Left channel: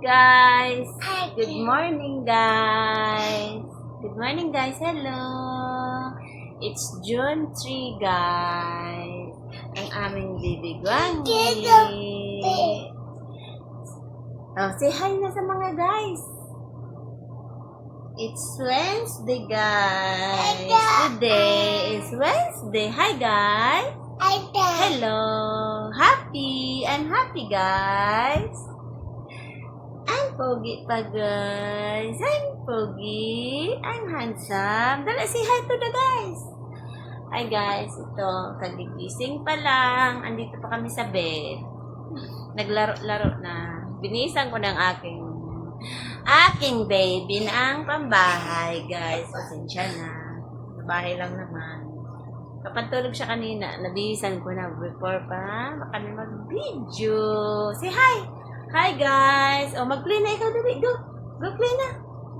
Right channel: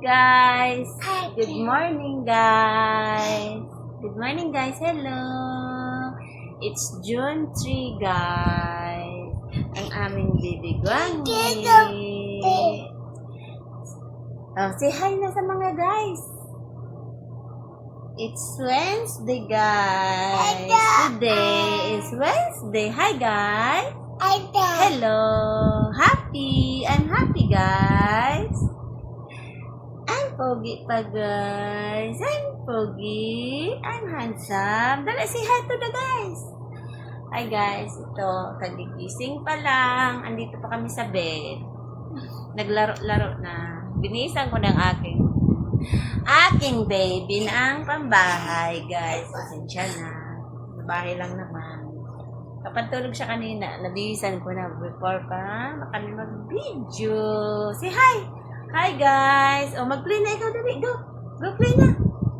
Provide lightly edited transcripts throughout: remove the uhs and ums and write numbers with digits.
Guys, good morning guys. Good morning guys. Hello. It's June 3 guys. Ang aming baby Gwangi. Oh, say hi na sa mga guys. It's Wednesday guys. Today is Wednesday. Hi guys. Hello. I'm happy guys. I'm pogi pa guys. I'm pogi. I'm handsome. Dala, say hi to the guys. Hi guys. Ito, kagigising pa lang. Andito pa kami sa bed. Naglaro-laro na. Binisan ko ng aking baby na ang pambahay guys. Pasensya na. Sa bahay lang naman. Kapag tulog siya kanina, nabihisan ko na before pa kami mag-video. Say hi! Hi guys! O, mag-play na ikaw, dali. Go! Go play na!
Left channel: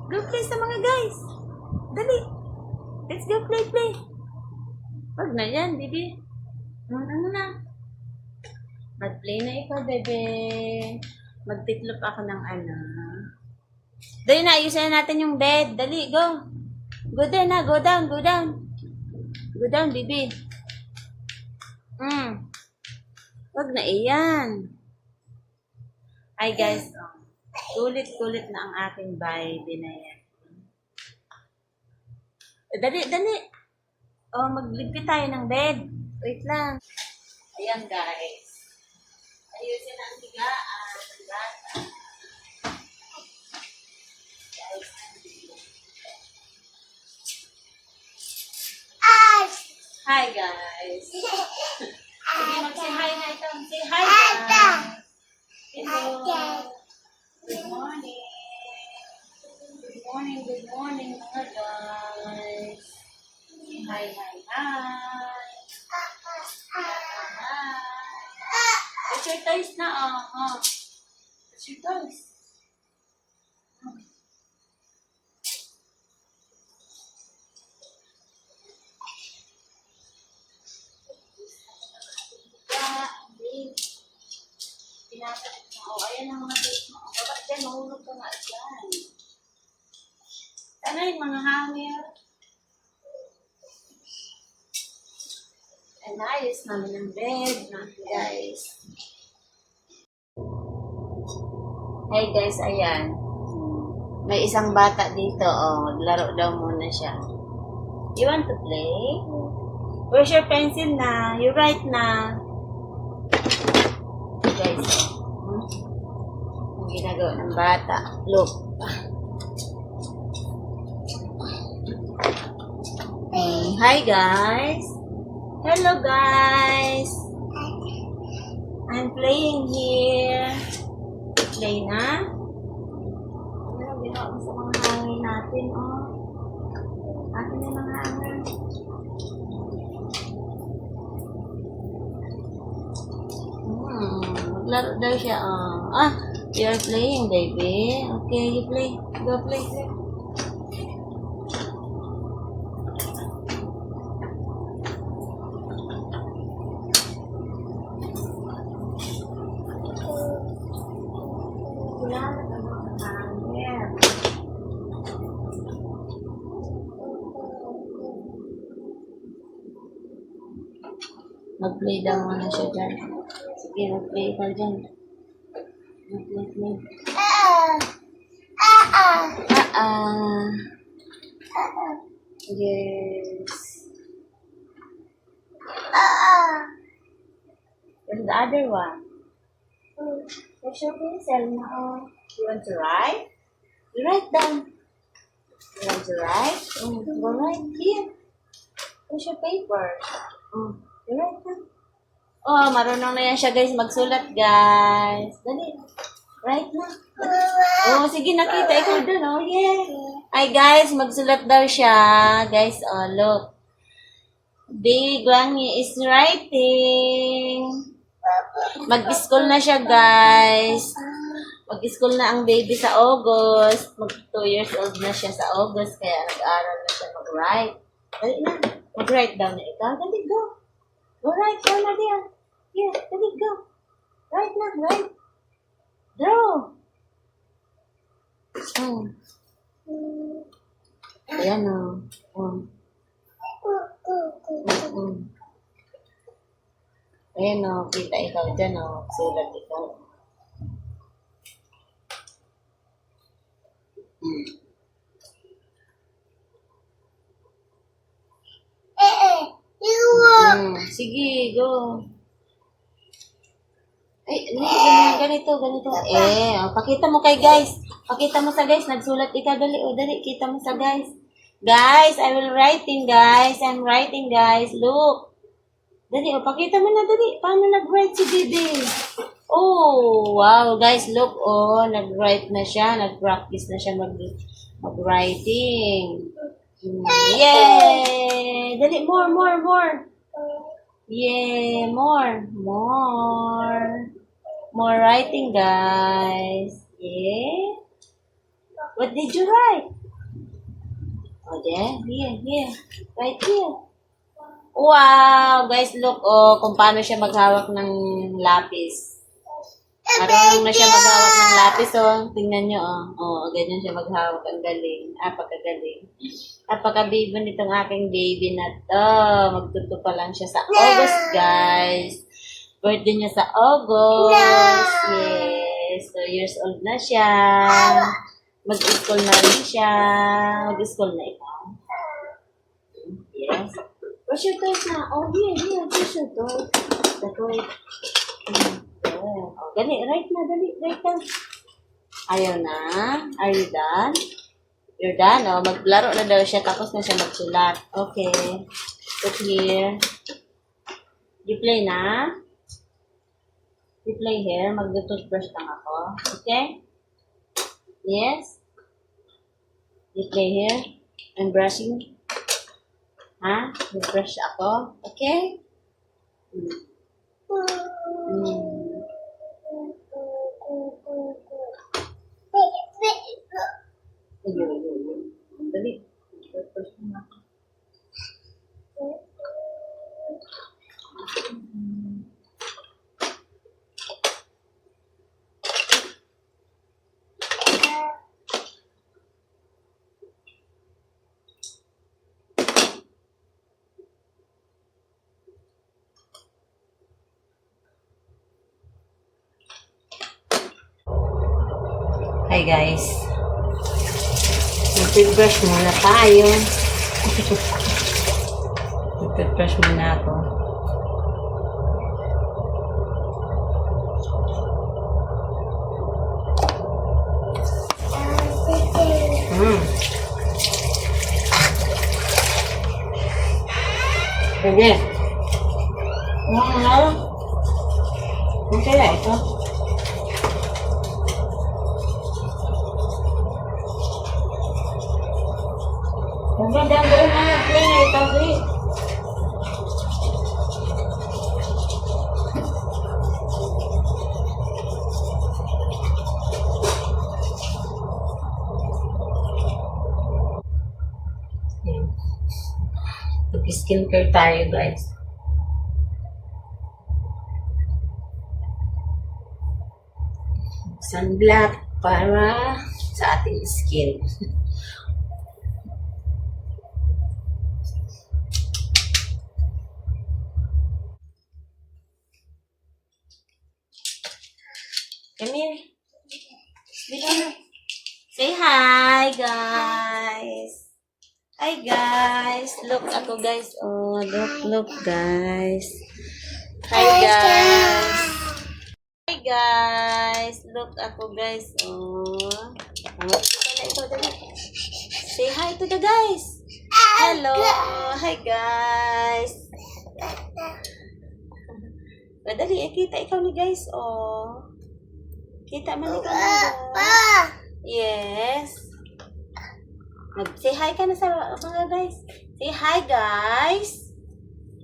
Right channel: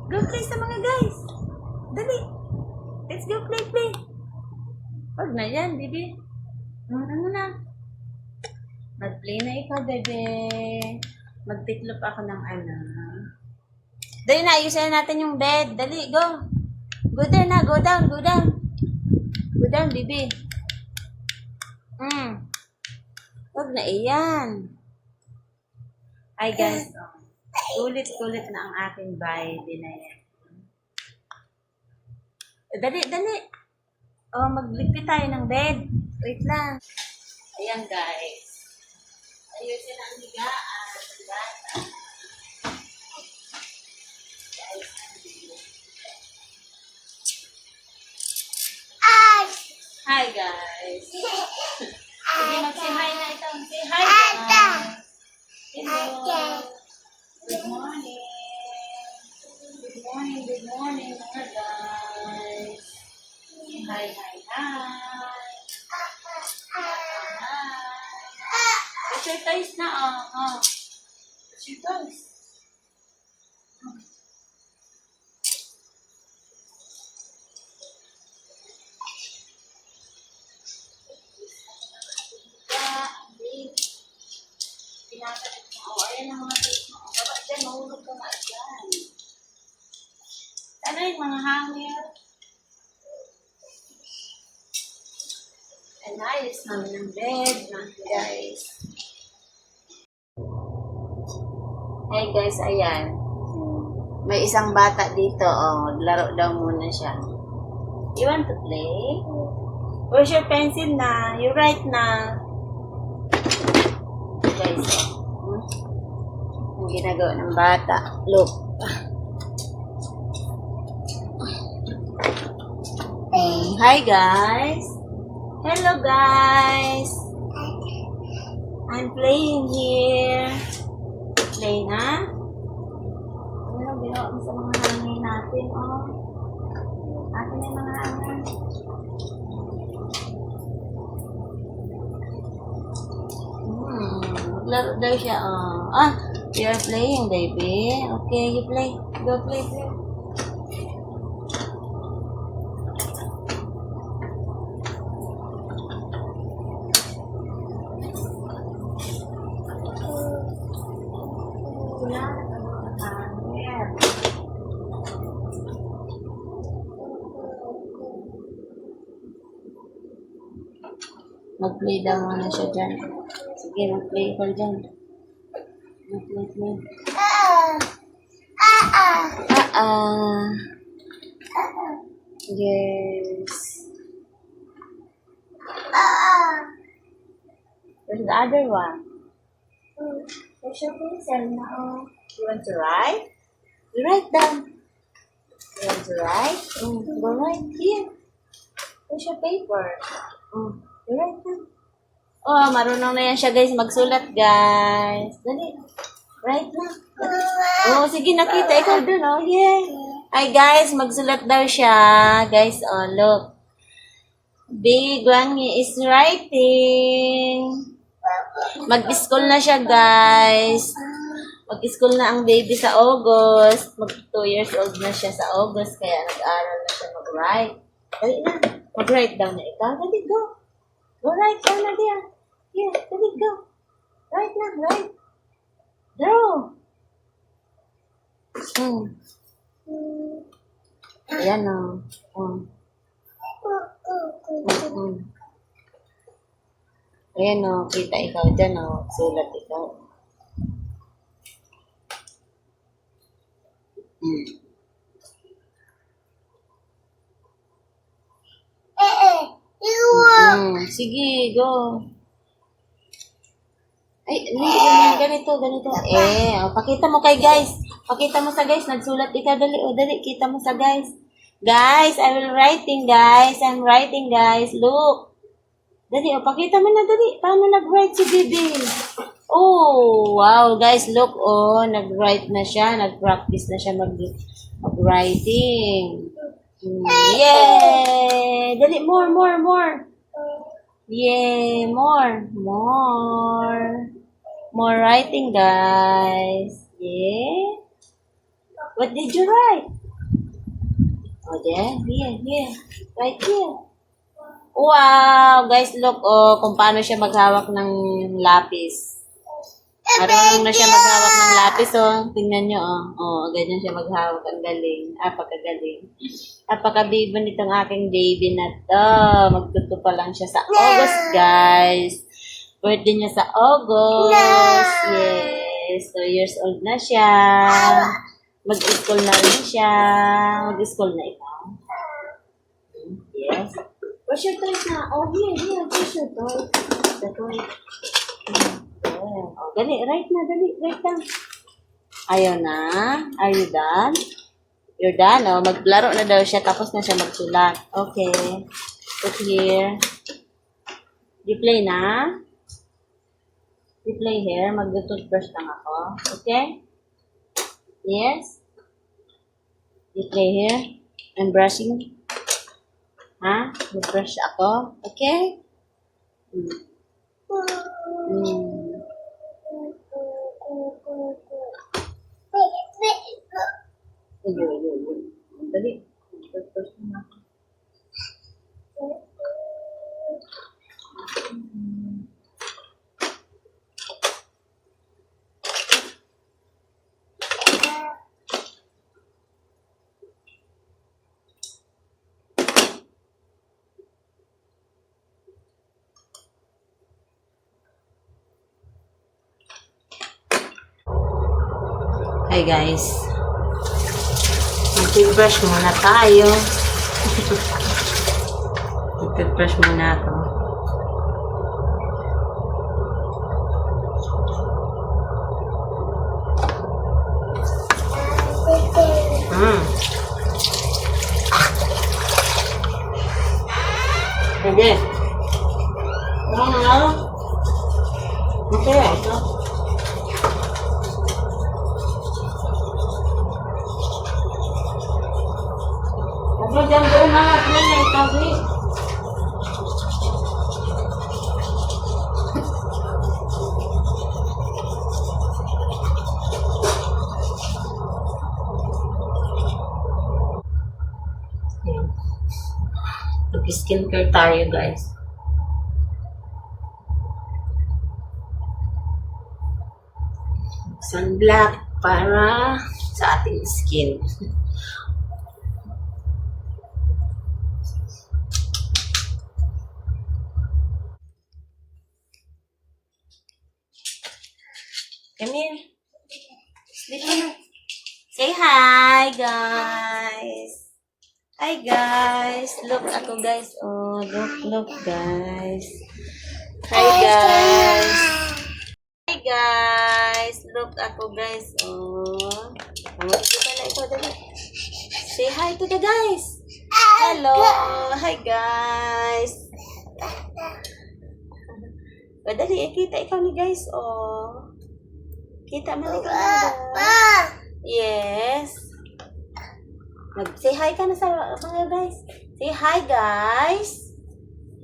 Go play sa mga guys! Dali! Let's go play! Wag na yan, baby. Ano na? Mag-play na ikaw, bebe. Magtitlop ako ng ano. Dali na, ayusin natin yung bed. Dali, go! Go down na, go down. Go down, baby. Wag na iyan. Hi guys, kulit na ang aking baby na yan. Dali. Oh, magligpit tayo ng bed. Wait lang. Ayan guys. Ayusin ang higaan. Hi guys. Sige, mag-say hi na ito. Say hi guys. Hello. Good morning mga guys. Hi. It's your toys na It's your toys. Pinakalit mo. Ayan ang mga toys mo. Baba dyan, mahulog ka nga dyan. Ano yung mga hangir? And ayos namin ng bed, guys. Hey guys, ayan. May isang bata dito, maglaro daw muna siya. You want to play? Where's your pencil na? You write na. Guys, ang ginagawa ng bata. Look. Hi guys. Hello guys. I'm playing here. Play na. Ano ginawa mo sa mga hangin natin, Atin na yung mga hangin. Maglaro daw siya, you're playing, baby. Okay, you play. Go play. Mag-play daw muna siya dyan. Sige, mag-play ka dyan. Mag-play. Yes. There's the other one. There's your pencil na, You want to write? You write down. You want to write? Go right here. There's your paper. You write down. Marunong na yan siya guys magsulat guys. Dali. Right na. Sige, nakita ikaw dun, yeah. Hi guys, magsulat daw siya. Guys, look. Big Gwangi is writing. Mag-school na siya guys. Mag-school na ang baby sa August. 2 years old na siya sa August. Kaya nag-aaral na siya mag-write. Dali na. Mag-write down na ikaw. Dali, go. Go right down na diyan. Yeah, dali, go. Right na, right. Draw. Hmm. Ayan o. Ayan o, kita ikaw dyan o. Sulat ikaw. Sige, go. Ay, ganito. Pakita mo kay guys. Pakita mo sa guys. Nagsulat ikaw. Dali. Kita mo sa guys. Guys, I will writing, guys. I'm writing, guys. Look. Dali, pakita mo na, dali. Paano nag-write si Bibi? Oh, wow. Guys, look. Oh, nag-write na siya. Nag-practice na siya mag-writing. Yay! Dali, more. Yay, more. More writing, guys. Yeah. What did you write? Oh, there. Here. Right here. Wow, guys, look, oh, kung paano siya maghawak ng lapis. Marunong na siya maghawak ng lapis, oh. Tingnan nyo, oh. Oh, ganyan siya maghawak. Ang galing. Pagkagaling. Napakabibo nitong aking baby na to. Magtuto pa lang siya sa August, guys. Birthday niya sa August. Yes. 2 years old na siya. Mag-school na rin siya. Mag-school na ikaw. Yes. Where's your toys na? Oh, here. Where's your toy? The toy. Oh, dali. Right na. Ayaw na. Are you done? You're done, oh. Maglaro na daw siya, tapos na siya magsulat. Okay. Put here. You play na? You play here. Mag-toothbrush lang ako. Okay? Yes? You play here. I'm brushing. Ha? Mag-brush ako. Okay? Dali. Mag-brush na ako. Hi guys. Mag-toothbrush muna tayo. Mag-toothbrush muna ako. Sige. Ano kaya ito? Diyan doon na play na ito, please. Mag-skincare tayo, guys. Sunblock para sa ating skin. Come here. Say hi, guys. Hi, guys. Look ako, guys. Oh, look, guys. Hi, guys. Hi, guys. Look ako, guys. Oh. Kita na ito, dali. Say hi to the guys. Hello. Hi, guys. Dali, kita ikaw ni guys. Oh. Kita man ikaw na. Yes. Mag-say hi ka na sa mga guys. Say hi, guys.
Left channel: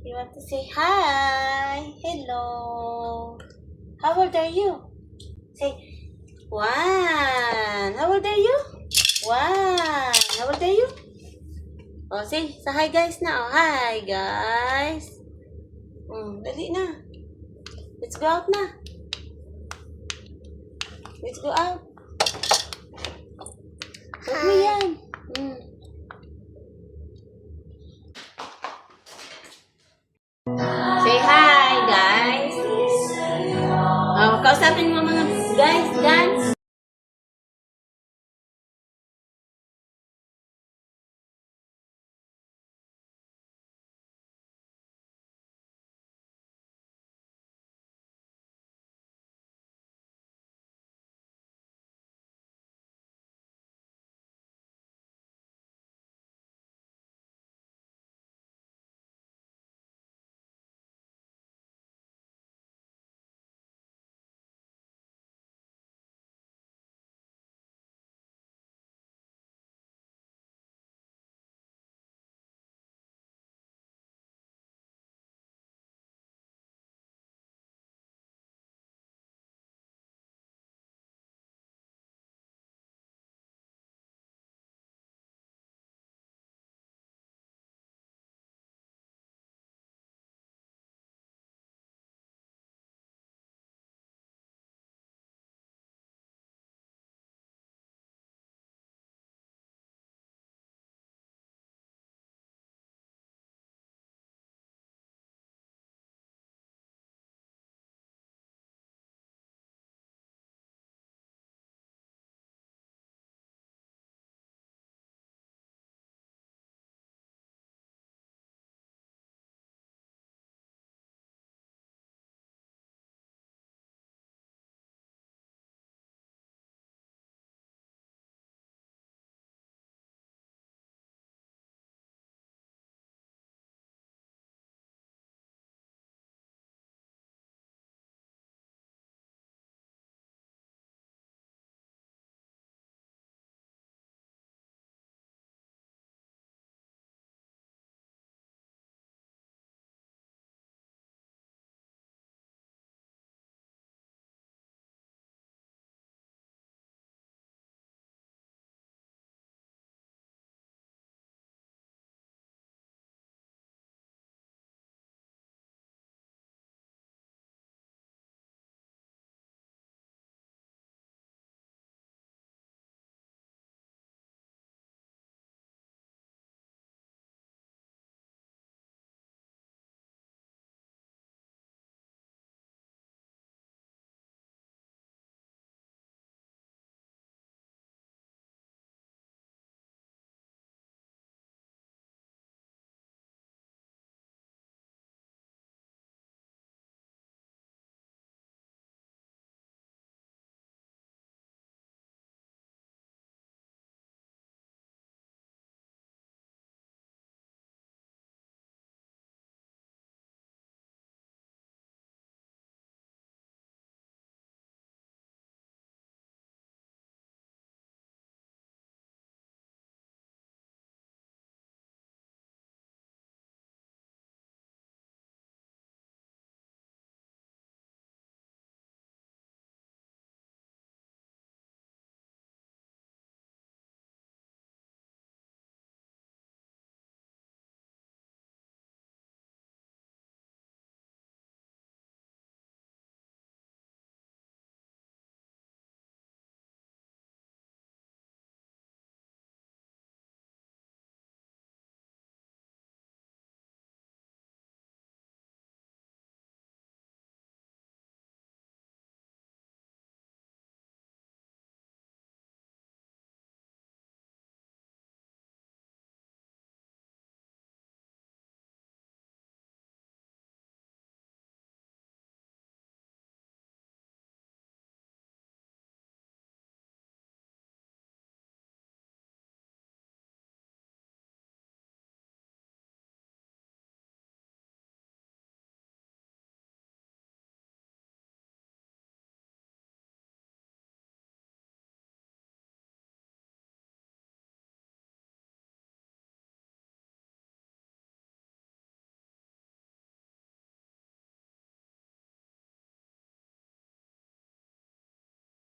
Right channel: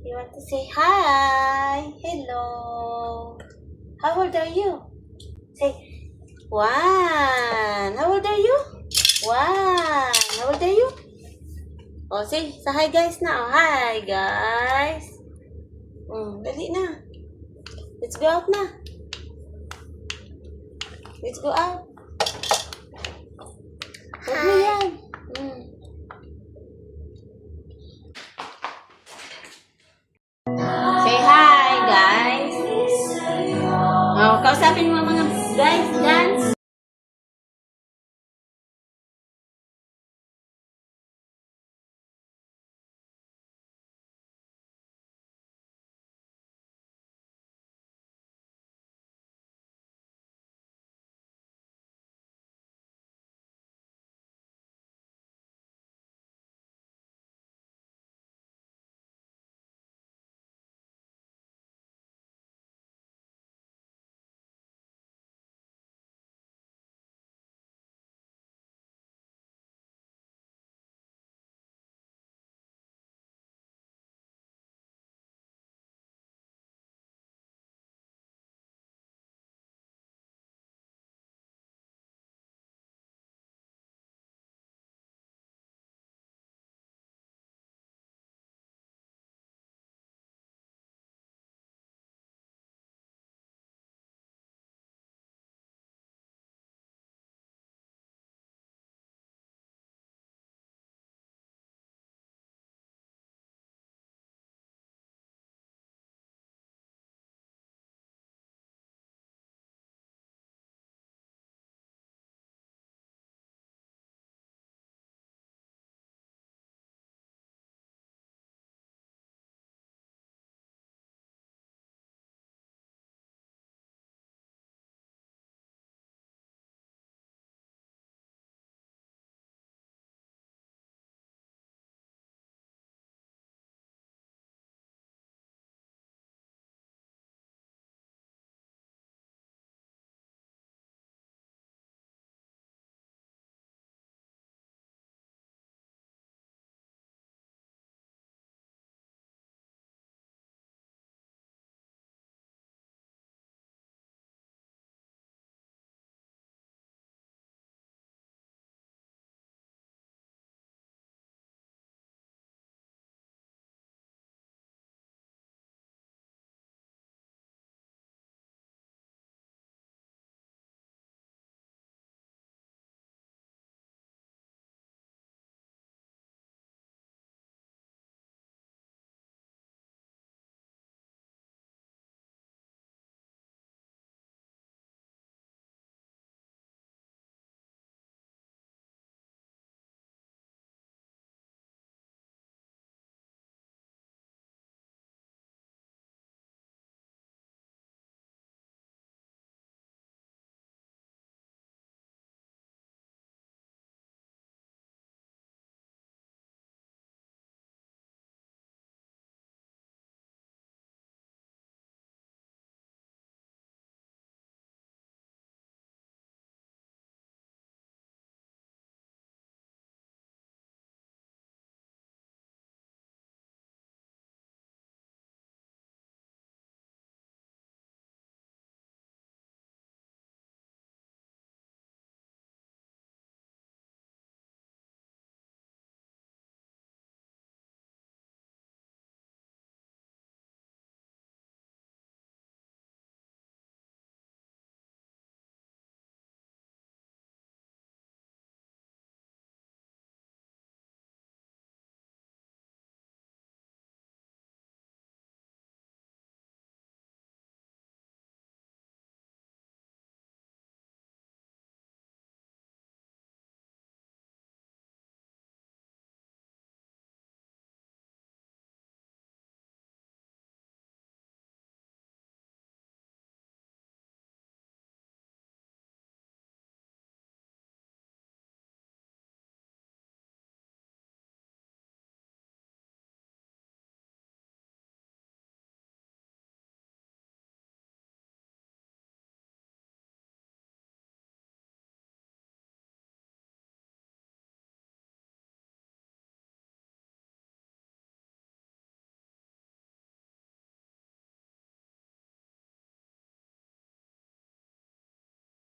You want to say hi? Hello. How old are you? Say, 1. How old are you? 1. How old are you? Oh, say, sa hi guys na. Oh, hi guys. Dali na. Let's go out na. Let's go out. kausapin mo mga guys, dance.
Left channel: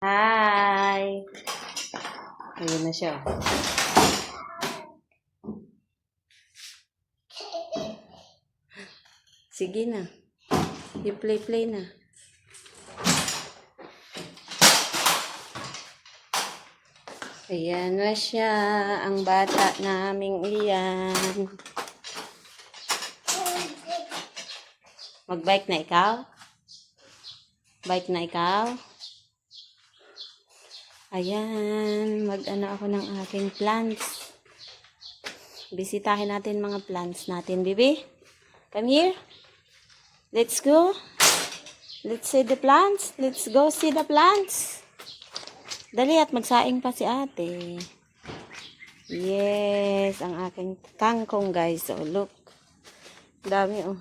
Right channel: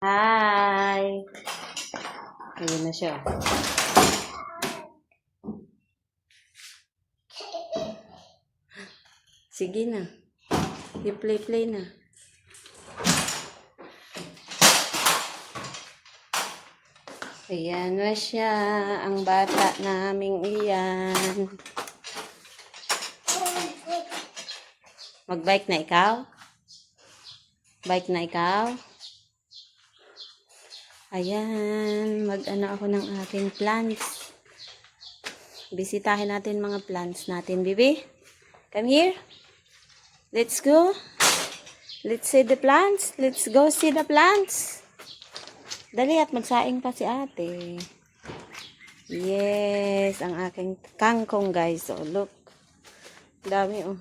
Hi! Ayun na siya. Sige na. I-play na. Ayan na siya. Ang bata naming iyan. Mag-bike na ikaw? Bike na ikaw? Ayan, mag-ano ako ng aking plants. Bisitahin natin mga plants natin, baby. Come here. Let's go. Let's see the plants. Let's go see the plants. Dali at magsaing pa si ate. Yes, ang aking kangkong guys. Oh, look. Dami oh.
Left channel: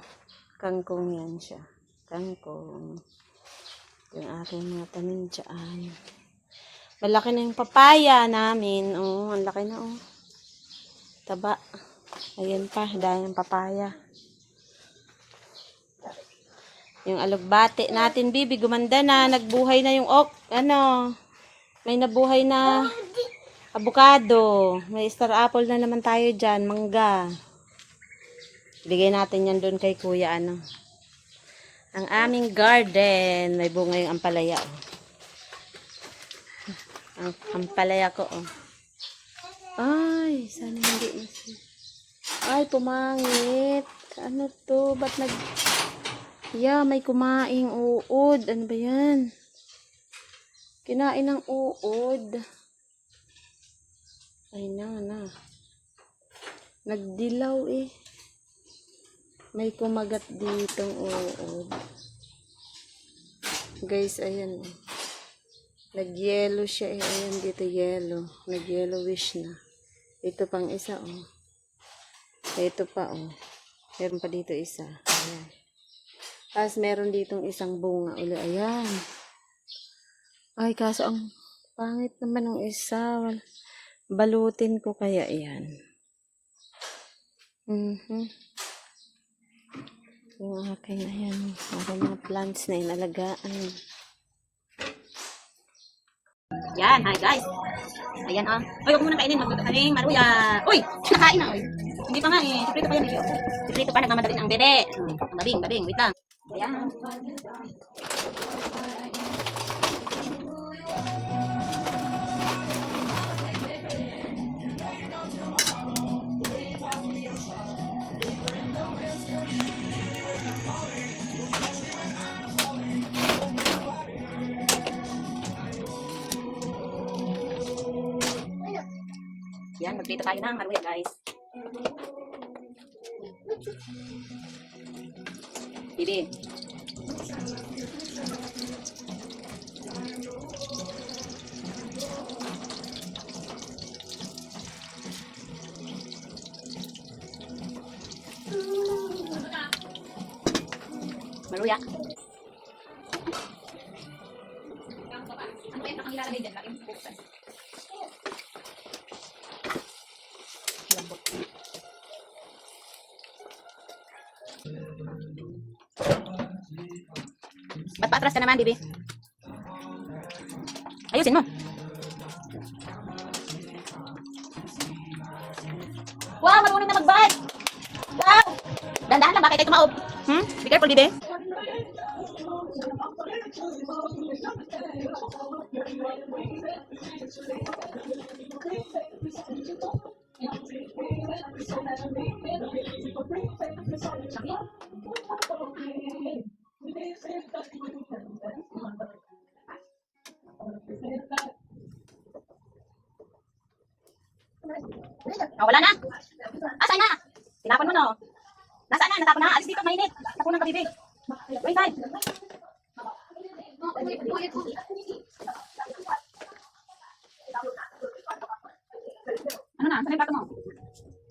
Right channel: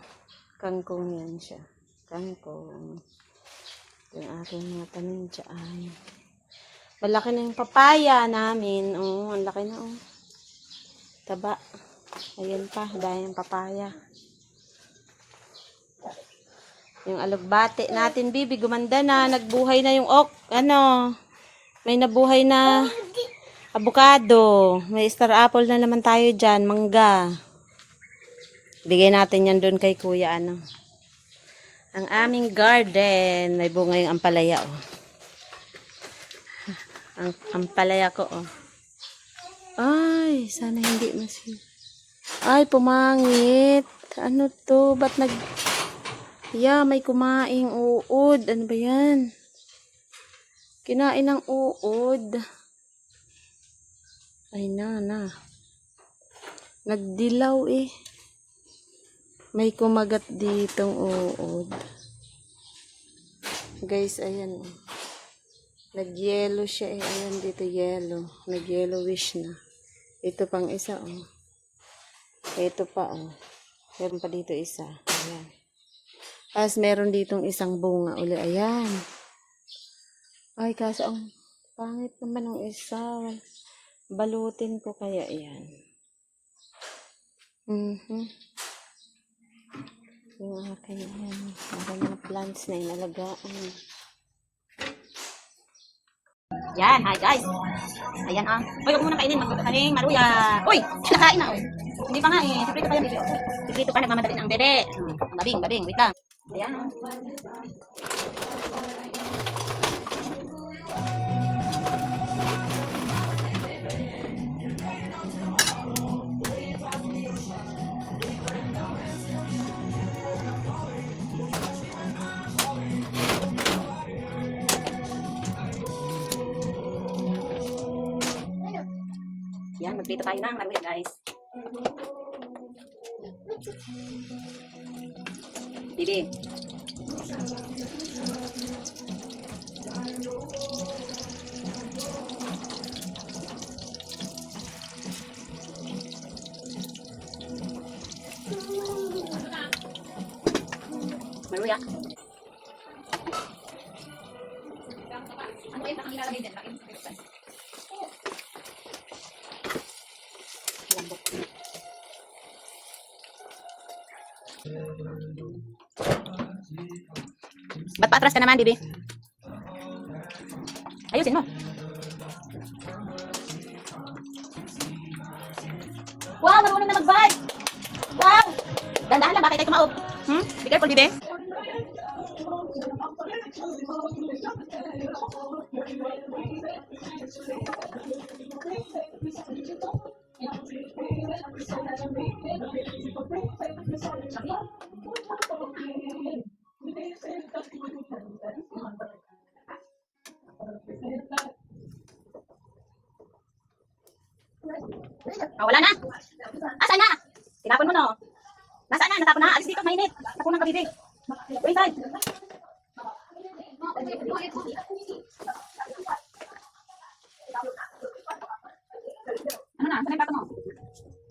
Kangkong yan siya. Kangkong. Yung aking mga tanim dyan. Malaki na yung papaya namin. Oh, ang laki na oh. Taba. Ayan pa, dahil yung papaya. Yung alugbate natin, bibi, gumanda na. Nagbuhay na yung may nabuhay na avocado. May star apple na naman tayo dyan. Mangga. Bigay natin yan doon kay kuya, Ang aming garden. May bunga yung ampalaya, oh. Ang ampalaya ko, oh. Ay, sana hindi Ay, pumangit. Ano to? Ba't may kumaing uod. Ano ba yan? Kinain ng uod. Ay na. Nagdilaw eh. May kumagat ditong uod. Guys, ayan. Nag-yellow siya eh. Ayan dito yellow. Nag-yellowish na. Ito pang isa oh. Ito pa oh. Meron pa dito isa. Ayan. Tapos meron ditong isang bunga uli. Ayan. Ay, kaso ang pangit naman ng isa. Balutin ko kaya yan. Yung aking ayan. Aking mga plants na inalagaan. Yan, hi guys. Ayan ah. Uy, huwag mo nang kainin. Magkakaning maruya. Uy, nakain na. Hindi pa nga eh. Siprito pa yan. Siprito pa. Nagmamadali ng bebe. Babing. Wait lang. Ayan. Yan, magprito tayo ng maruya guys. Bibi. Maruya. Ano yung ilalagay dyan? Ba't paatras ka naman, bibi? Ayusin mo. Wow, marunong na mag-bike. Wow. Dahan-dahan lang, bakit kayo tumaob? Be careful, bibi. Oh, wala na. Asan na? Tinapon mo no. Nasaan na? Natapon na. Alis dito, mainit. Tapunan ka, bibi. Wait, time. Ano na? Saan yung plato mo?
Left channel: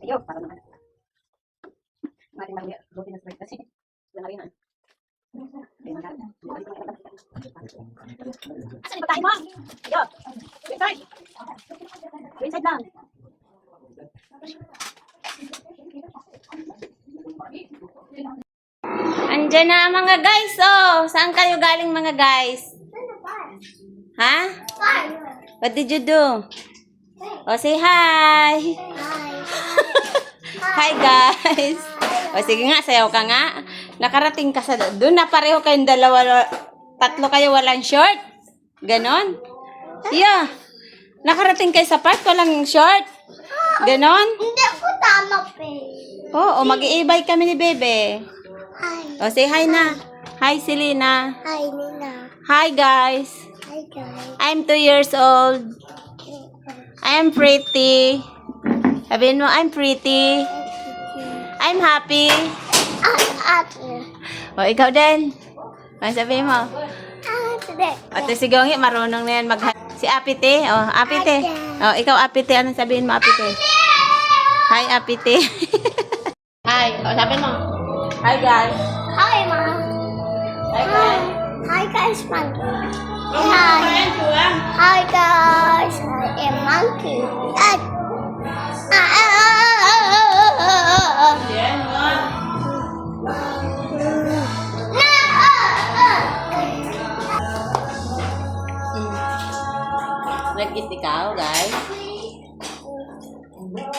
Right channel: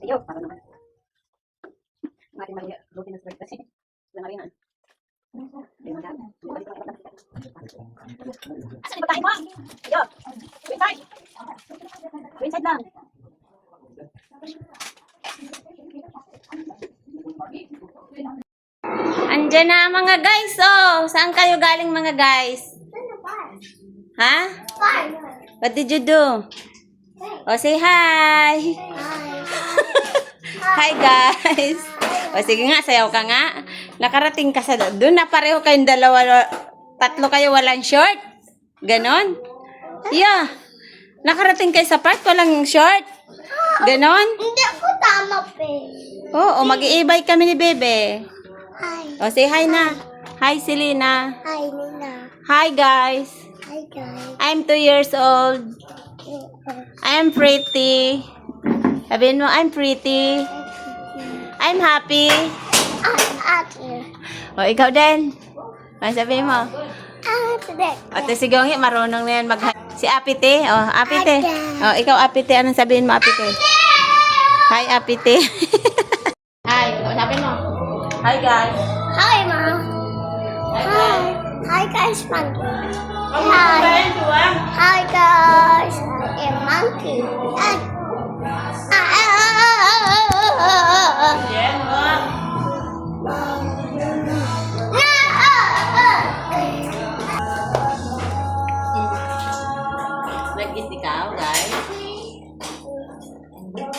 Ayun, para naman. Maring mali. Buti na spread kasi. Wala na rin na. Asan yung pagkain mo? Ayun. Wait, time. Wait, side lang. Andiyan na mga guys, oh. Saan kayo galing mga guys? Ha? What did you do? Oh, say hi. Hi guys. O sige nga, sayaw ka nga. Nakarating ka sa doon na pareho kayong dalawa, tatlo kayo walang short. Ganon. Yeah. Nakarating kayo sa park, walang short. Ganon. Hindi ko tama, pe. Oo, mag-iibay kami ni Bebe. Hi. O, say hi na. Hi, Selena. Hi, Nina. Hi guys. Hi guys. I'm 2 years old. I'm pretty. Sabihin mo, I'm pretty. I'm happy. I'm happy. O, ikaw din. Ano sabihin mo? I'm today. Ate si Gongi, marunong na yan mag Si Apite. O, Apite. O, ikaw Apite. Anong sabihin mo, Apite? Hi, Apite. Hi. O, sabihin mo. Hi, guys. Hi, Mom. Hi, Hi. guys. Hi, guys, Monkey. Oh, Hi. kaya, Juwang. Hi, guys. I am Monkey. Hi. Yan, wow. Nag-eat ikaw, guys.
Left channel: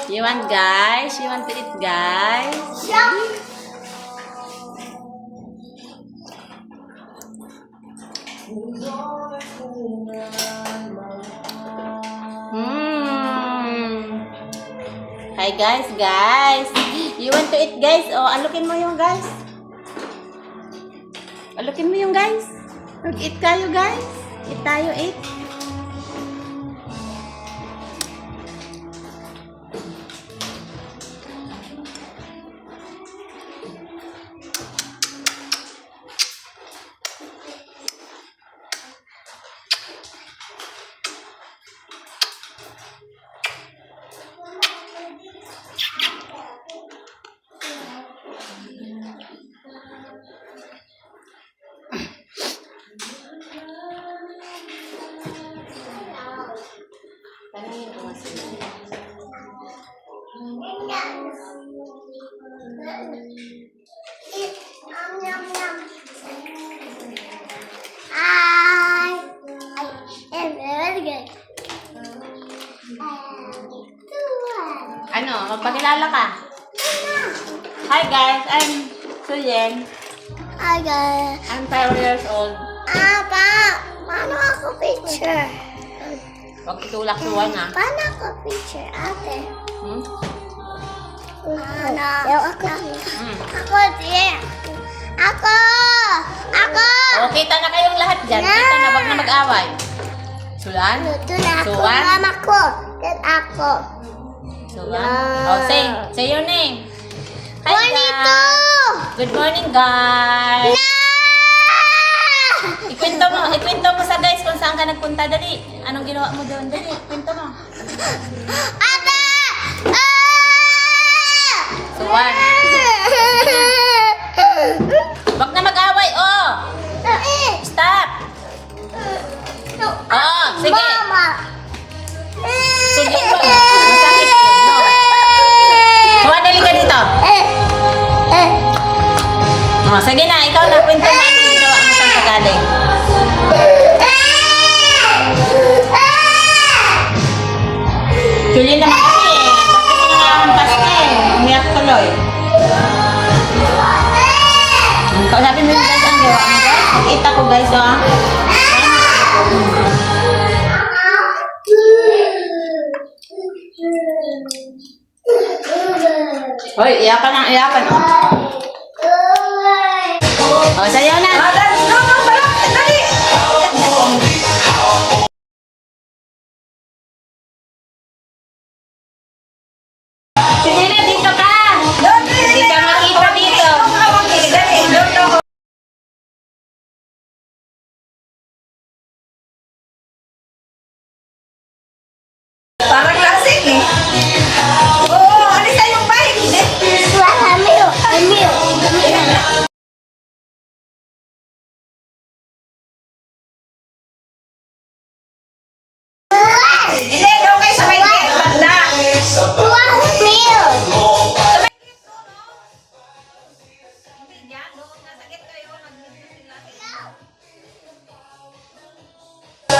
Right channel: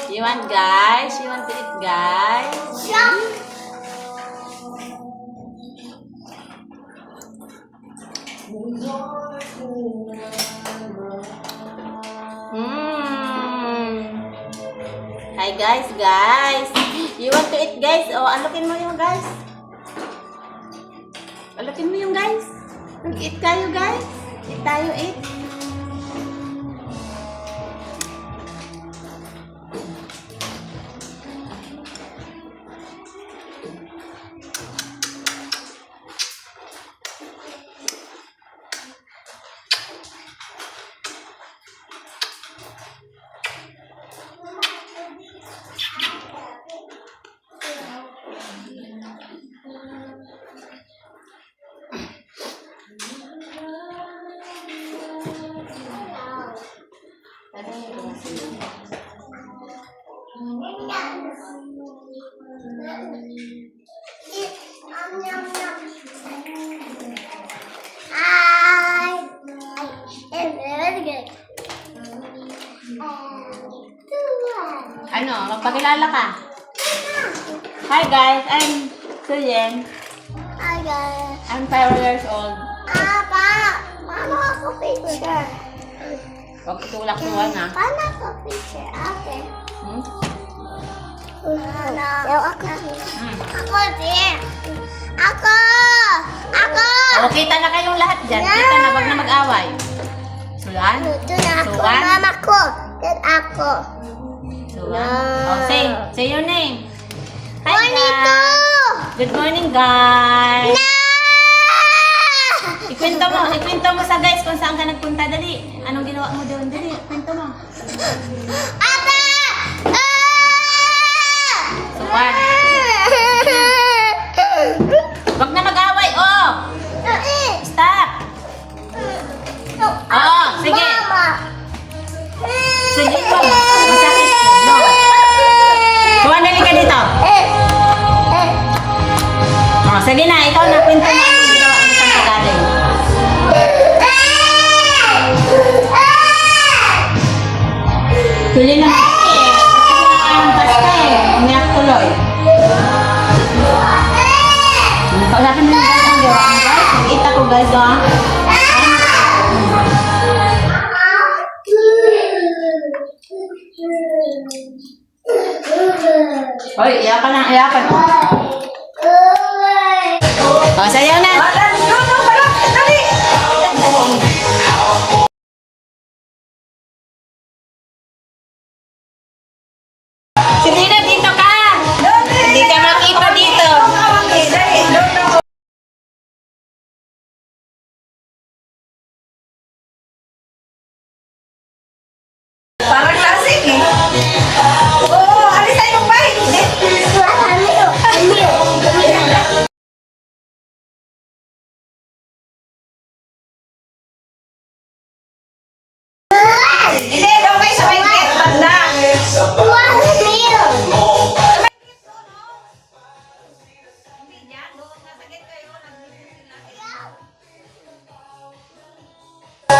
You want, guys? You want to eat, guys? Hi, guys. You want to eat, guys? O, alukin mo yung guys. Alukin mo yung guys. Mag-eat kayo, guys. Eat tayo, eat. Hi. I am very good. Ano, magpakilala ka. Hi, guys. I'm Suyen. Hi guys. I'm 5 years old. Paano ako picture? Huwag itulak suwan, ha? Paano ako picture, ate? Hmm? Ako. Ako din. Ako! O, kita na kayong lahat dyan. Kita na, wag na mag-away. Sulan? Luto na ako. Suwan? Mama ko. Then ako. Sulan? O, say your name. Hi, Bonito! guys. Good morning, guys. Ikwento mo sa guys kung saan ka nagpunta. Dali. Anong ginawa mo doon? Dali, kwento mo. Ate! Suwan. Wag na mag-away, oh. Stop. Oo, sige. Mama! Sige po. Masakit yun, no? Suwan, dali ka dito. Oh, sige na, ikaw na. Kwento mo ano yung ginawa mo saan ka galing. Tuloy naman kasi eh. Kasi nga paste eh. Umiyak tuloy. Kausapin mo yung guys ang gawa mo guys. Nag-eat ako guys oh. Hoy, iyakan ang iyakan oh. O, sayaw na. Hindi na dito ka. Hindi ka makita dito. Parang lasing eh. Oo, alisan yung bike. Hindi, daw kayo sa may gate. Banda.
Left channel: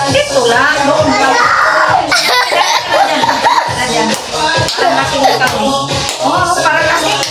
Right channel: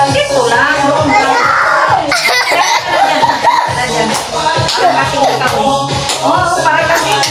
Dito lang. Doon lang. Parang lasing kami. Oo, parang lasing.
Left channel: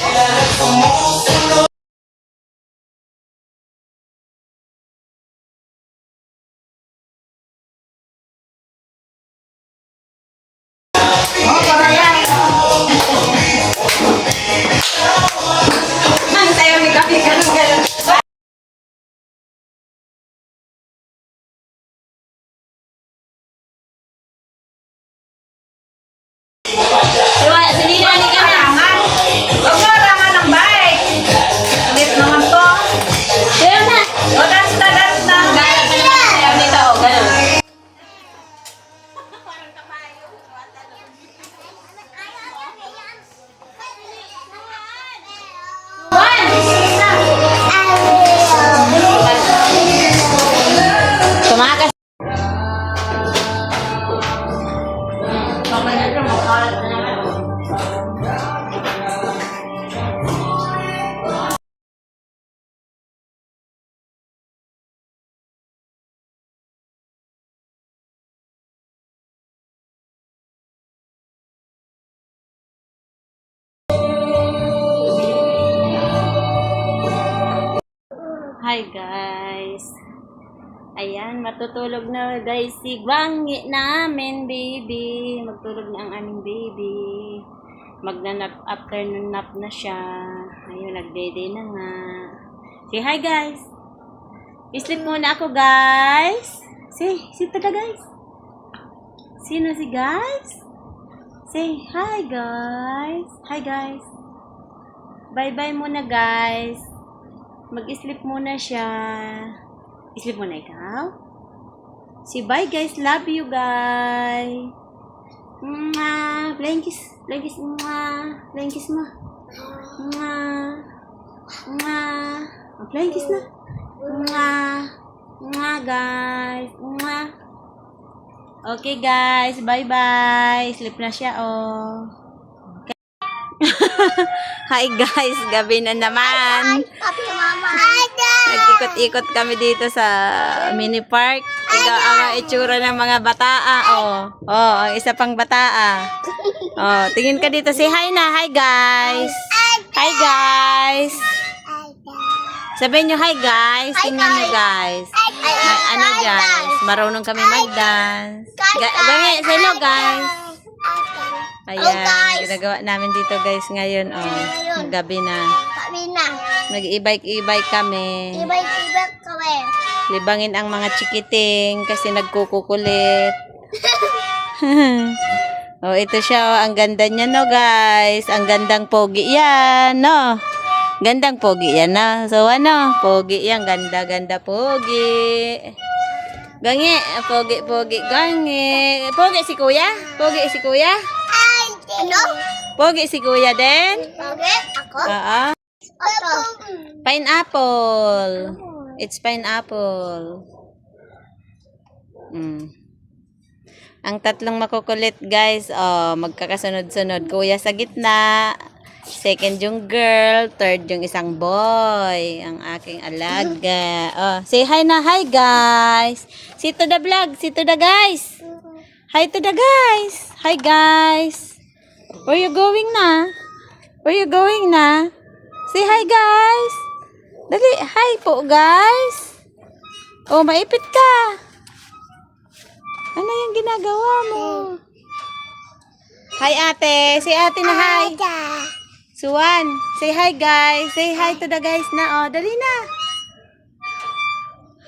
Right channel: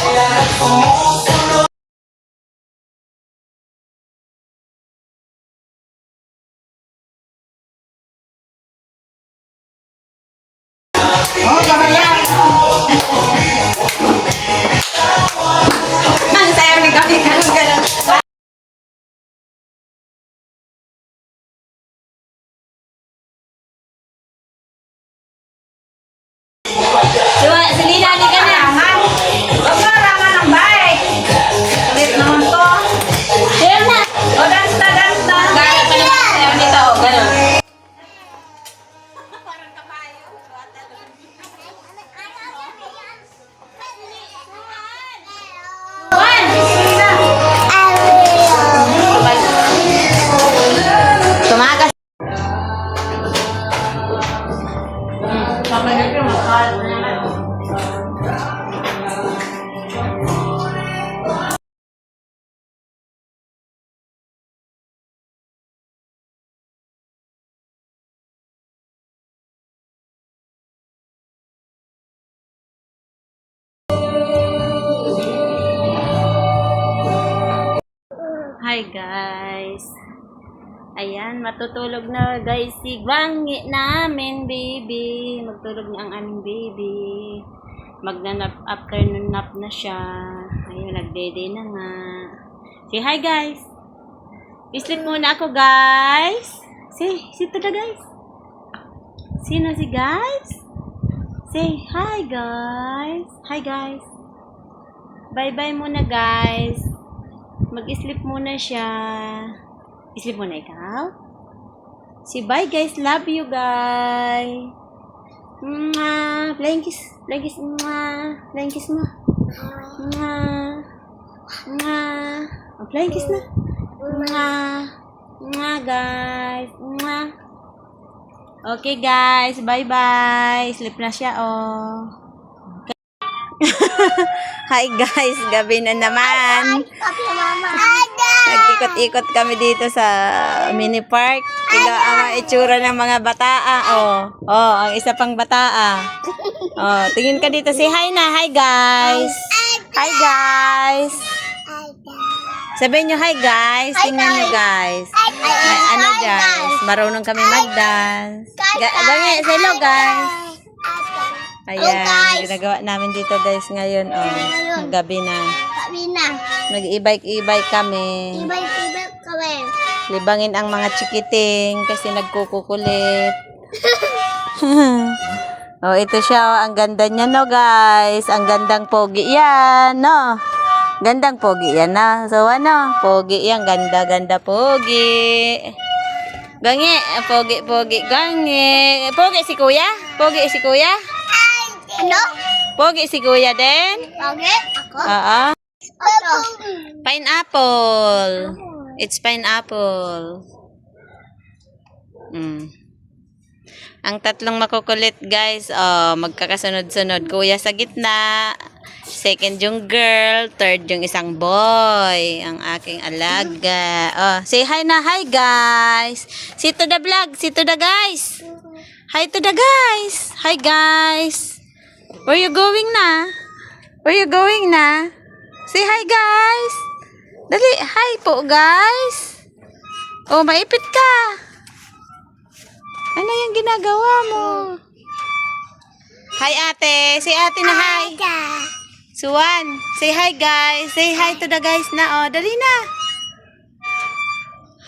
heart na naman. Hi guys. Ayan, matutulog na guys si Gwangi namin, baby. Magtulog na ang aming baby. Magnanap, afternoon nap na siya. Ayun, nag-day na nga. Say hi guys. Sleep muna ako guys. Say tada guys. Sino si guys? Say hi guys. Hi guys. Bye-bye muna guys. Mag-sleep muna siya. Sleep muna ikaw? Say bye guys. Love you guys. Mwah. Flying kiss. Flying kiss. Mwah. Flying kiss mo. Mwah. Mwah. Oh, flying kiss na. Mwah. Mwah guys. Mwah. Okay guys. Bye-bye. Sleep na siya oh. Hi guys, gabi na naman. Papi, mama. Nag-ikot-ikot kami dito sa mini park. Tiga ang itsura ng mga bataa. Oh, ang isa pang bataa. Oh, tingin ka dito. Say hi na. Hi guys. Hi guys. Sabihin nyo hi guys. Tingnan nyo guys. May ano guys. Marunong kami mag-dance. Ganyan, say hello guys. Ayan, ginagawa namin dito guys ngayon. Oh, gabi na. Papi na. Nag-i-bike kami. Ibay-ibay kami. Libangin ang mga chikiting kasi nagkukukulit. Oh, ito siya. Oh, ang ganda niya no guys. Ang gandang pogi yan. No? Gandang pogi yan na. So ano? Pogi yan. Ganda pogi. Gangi. Pogi. Gangi. Pogi si kuya? Pogi si kuya? Ano? Pogi si kuya din? Okay, ako? Oo. Oto. Pineapple. It's pineapple. Ang tatlong makukulit guys, magkakasunod-sunod. Kuya sa gitna, second yung girl, third yung isang boy, ang aking alaga. Oh, say hi na, hi guys. See to the vlog, see to the guys. Hi to the guys. Hi guys. Where you going na? Where you going na? Say hi guys. Dali, hi po guys. Oh, maipit ka. Ano yung ginagawa mo? Hi ate. Say ate na hi. Suwan. Say hi guys. Say hi to the guys na. Oh, dali na.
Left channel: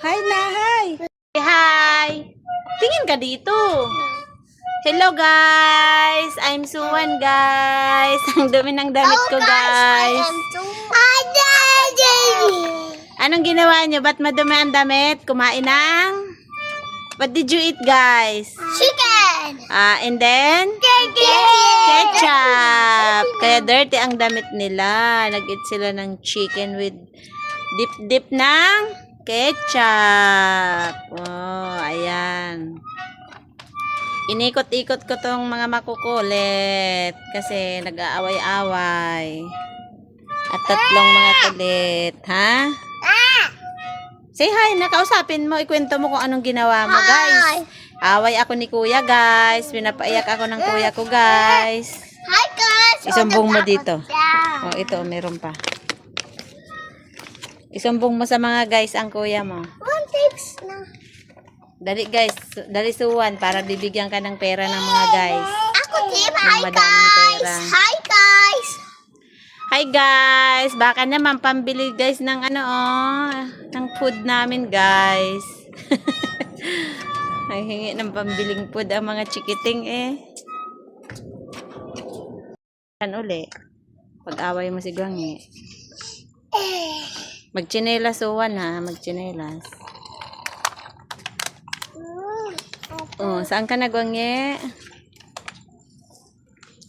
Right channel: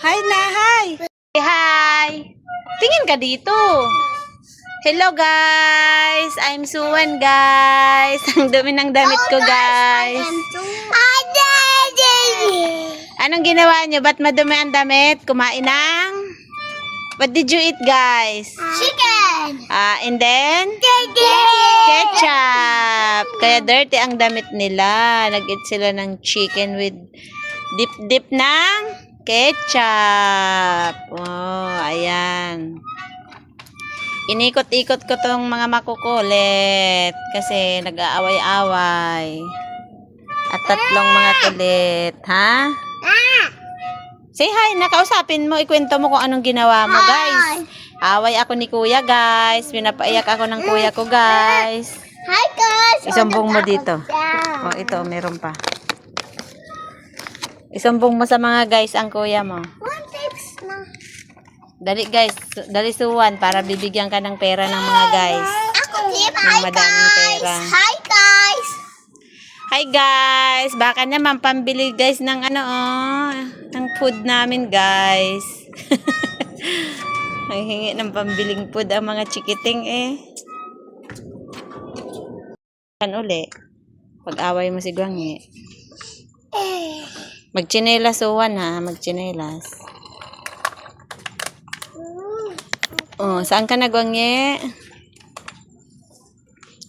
Hi na, hi. Say hi. Tingin ka dito. Hello guys. I'm Suwan guys. Ang dumi ng damit ko guys. Anong ginawa nyo? Ba't madumi ang damit? Kumain ng? What did you eat guys? Chicken. And then? Ketchup. Kaya dirty ang damit nila. Nag-eat sila ng chicken with dip ng ketchup. Oh, ayan. Inikot-ikot ko tong mga makukulit kasi nag-aaway-away. At tatlong mga kulit, ha? Say hi, nakausapin mo, ikwento mo kung anong ginawa mo, guys. Away ako ni kuya, guys. Pinapaiyak ako ng kuya ko, guys. Hi guys. Isumbong mo dito. Oh, ito, meron pa. Isumbong mo sa mga guys ang kuya mo. One tips na. Dali guys, dali Suwan para bibigyan ka ng pera ng mga guys. Ako tip. Ng madaming pera. Hi guys. Hi guys, baka naman pambili guys ng ng food namin guys. Ang hingi ng pambiling food ang mga chikiting eh. Kan uli, pag-away mo si Gwangi. Magchinelas Suwan ha, magchinelas. Oh, saan ka na Gwangi?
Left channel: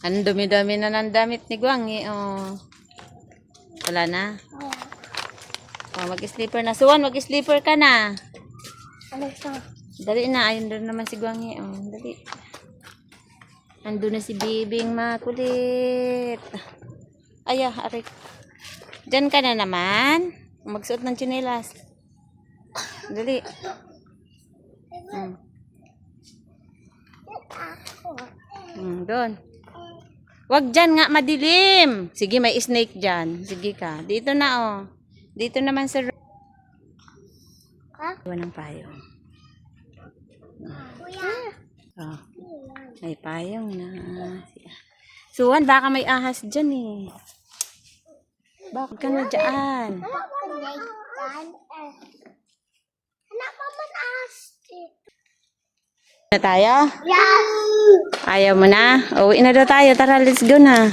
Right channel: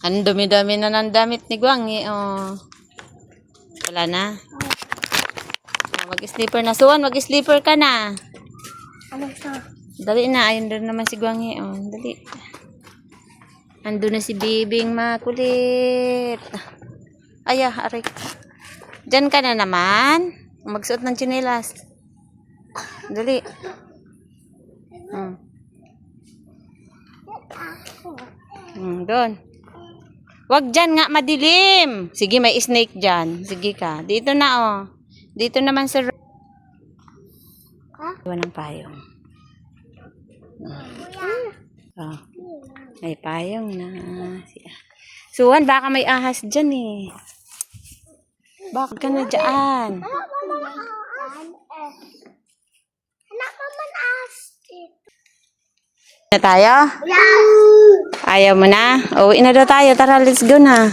Ang dumi-dumi na ng damit ni Gwangi. Oh. Wala na. Oh, mag-sleeper na. Suwan, mag-sleeper ka na. Ano to? Dali na. Ayun doon naman si Gwangi. Oh, dali. Andun na si Bibing makulit. Aya, arik. Diyan ka na naman. Magsuot ng tsinelas. Dali. Doon. Wag dyan nga, madilim. Sige, may snake dyan. Sige ka. Dito na, oh. Dito naman sa... Iwan ng payong. Oh. May payong na. Suwan, baka may ahas dyan eh. Bakit ka na dyan? Na tayo? Ayaw mo na? Uwi na daw tayo. Tara, let's go na.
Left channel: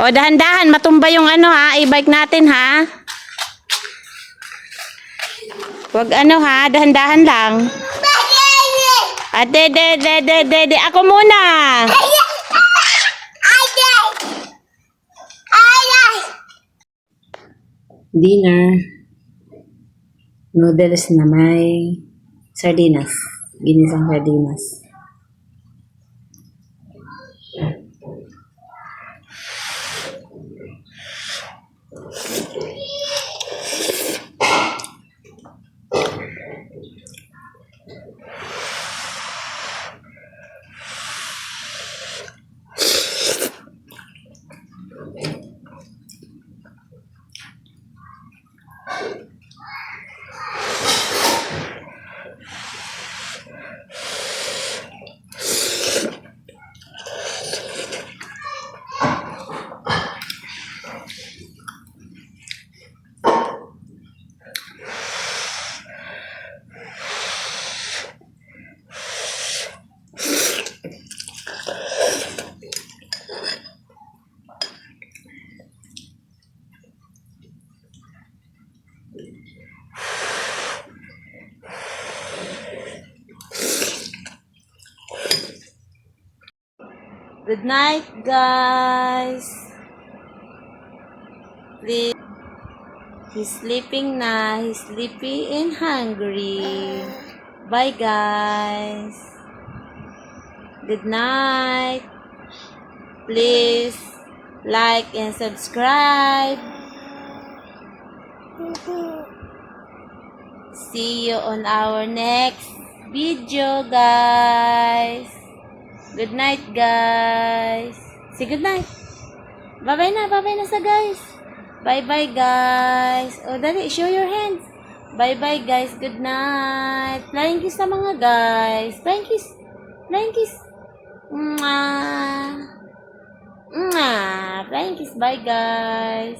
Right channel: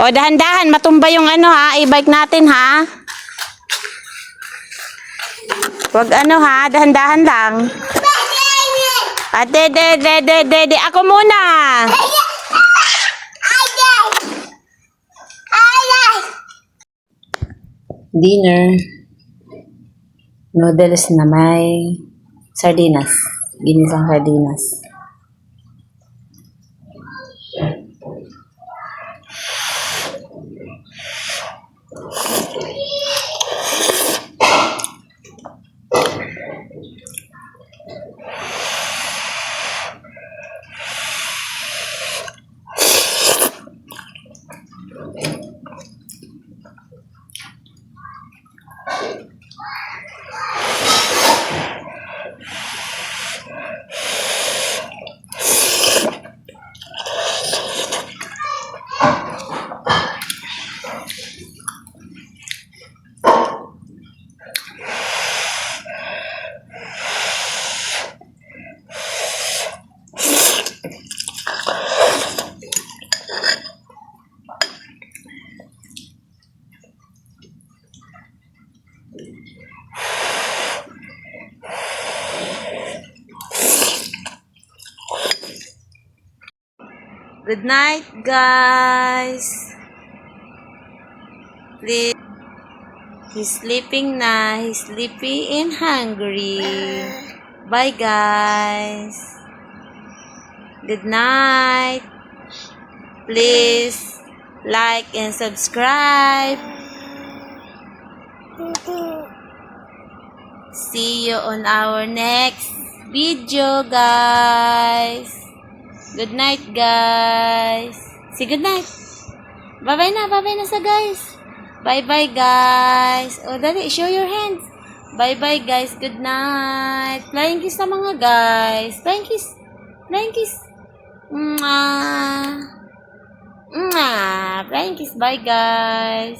O, dahan-dahan. Matumba yung ano ha. I-bike natin ha. Wag ano ha. Dahan-dahan lang. Ate, de. Ako muna. Dinner. Noodles na may sardinas. Ginisang sardinas. Good night, guys. Please. He's sleeping na. He's sleepy and hungry. Bye, guys. Good night. Please like and subscribe. See you on our next video, guys. Good night, guys. Say good night. Bye-bye na sa guys. Bye-bye, guys. O, dali, show your hands. Bye-bye, guys. Good night. Flying kiss sa mga guys. Flying kiss. Flying kiss. Mwah. Mwah. Flying kiss. Bye, guys.